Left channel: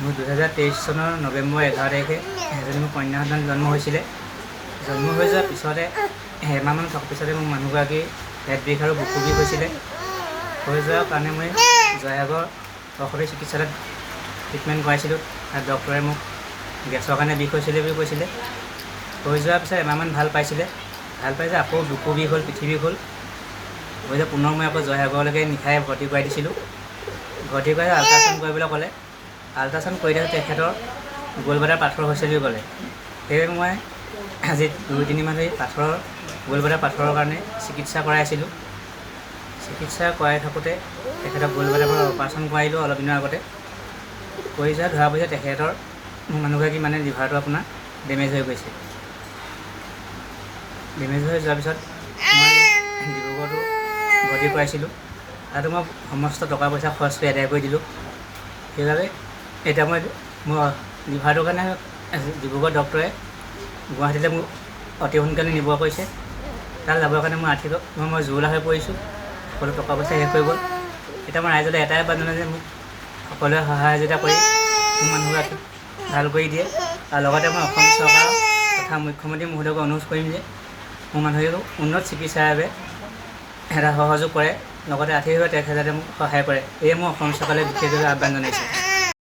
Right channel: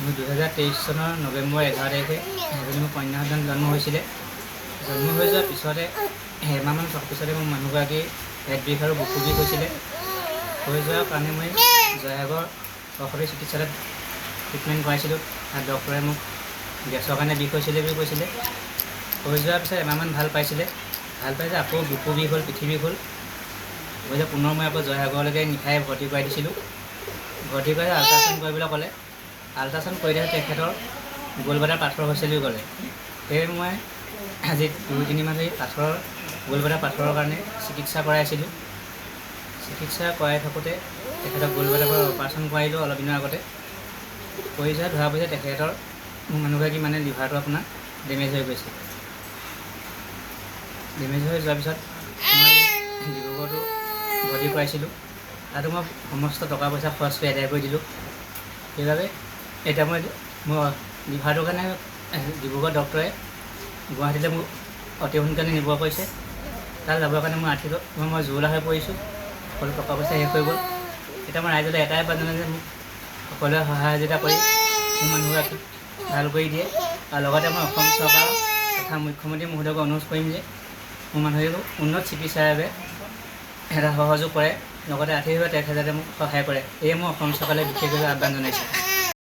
মোৰ 2023 চনৰ নৱেম্বৰ 11 তাৰিখে এজনী মোৰ কন্যা সন্তান জন্ম হৈছিলে। জন্ম হৈ যোৱাৰ পিছতে এমাহমান থকাৰ পিছতে মোৰ মানুহগৰাকী পেট বিষ আৰু বুকু বিষ হৈছিলে। হৈ যোৱাৰ কাৰণে মই জয়সাগৰ চৰকাৰী চিকিৎসালয়ত ট্ৰিটমেণ্ট কৰাইছিলোঁ। আৰু ডক্টৰে মোক গেছৰ কাৰণে বিষ হৈছিলে বুলি কৈছিলে। হৈ যোৱাৰ পিছত এমাহমান ভাল পাইছিলে। ভাল পাইছে আকৌ বুকু বিষ হ'ল, পিঠি বিষ হ'ল। হৈ যোৱাৰ পুনৰ মই আকৌ জয়সাগৰলৈকে নিশাই ভৰ্তি কৰাই দিছিলোঁ। ভৰ্তি কৰি আল্ট্ৰাচাউণ্ড কৰিবলৈ ক'লে। আল্ট্ৰাচাউণ্ড কৰি থাকোঁতে তেখেতৰ গলব্লাডাৰ পাথৰ হৈছে বুলি ক'লে। সেয়ে মই আজি 2-3 মাহ ধৰি গলব্লাডাৰ পাথৰৰ কাৰণে চিকিৎসা কৰাই আছিলোঁ। চিকিৎসা কৰাই থাকোঁতে তেখেতক গলব্লাডাৰ অপাৰেশ্যন কৰাইলোঁ অলপ দিনৰ আগতে। কৰি যোৱা ধৰা পিছত তেখেতৰ মোৰ মানুহগৰাকী মানে লিভাৰটো আপোনাৰ ডেমেজ হৈ গৈছে। ডেমেজ হৈ যোৱাৰ পিছত মই ডিব্ৰুগড়তো ভৰ্তি কৰাইছিলোঁ। তাতো মই সমস্ত টকা পইচা খৰচ কৰি আদায় কৰি দিলোঁ। সেইবাবে এতিয়া মোৰ লিভাৰটোৰ কাৰণে ডিব্ৰুগড় ডক্টৰে গুৱাহাটীলৈ মোক অতি সোনকালে নিব কৈছে। তাত যাবৰ কাৰণে মই জুৰুলা হৈ পৰিছোঁ। সকলো টকা পইচা শেষ হৈ গ'ল। এতিয়া মই ৰাইজলৈ এটাই আহ্বান জনাওঁ যে মোক সকলোৱে সহায় সহযোগিতা কৰি মোৰ মানুহগৰাকীক ভাল কৰি দিয়ে। আৰু লগতে মই অসম চৰকাৰ তথা মুখ্যমন্ত্ৰী মহোদয়ক অনুৰোধ কৰিম যে মোৰ মানুহগৰাকীক উন্নত চিকিৎসাৰ বাবে এটা সহযোগ কৰে। লগতে আৰ্থিকভাৱে তেখেতে মোক সহায় কৰে। এয়ে মই অসম চৰকাৰলৈ বিশেষভাৱে আহ্বান জনাইছোঁ।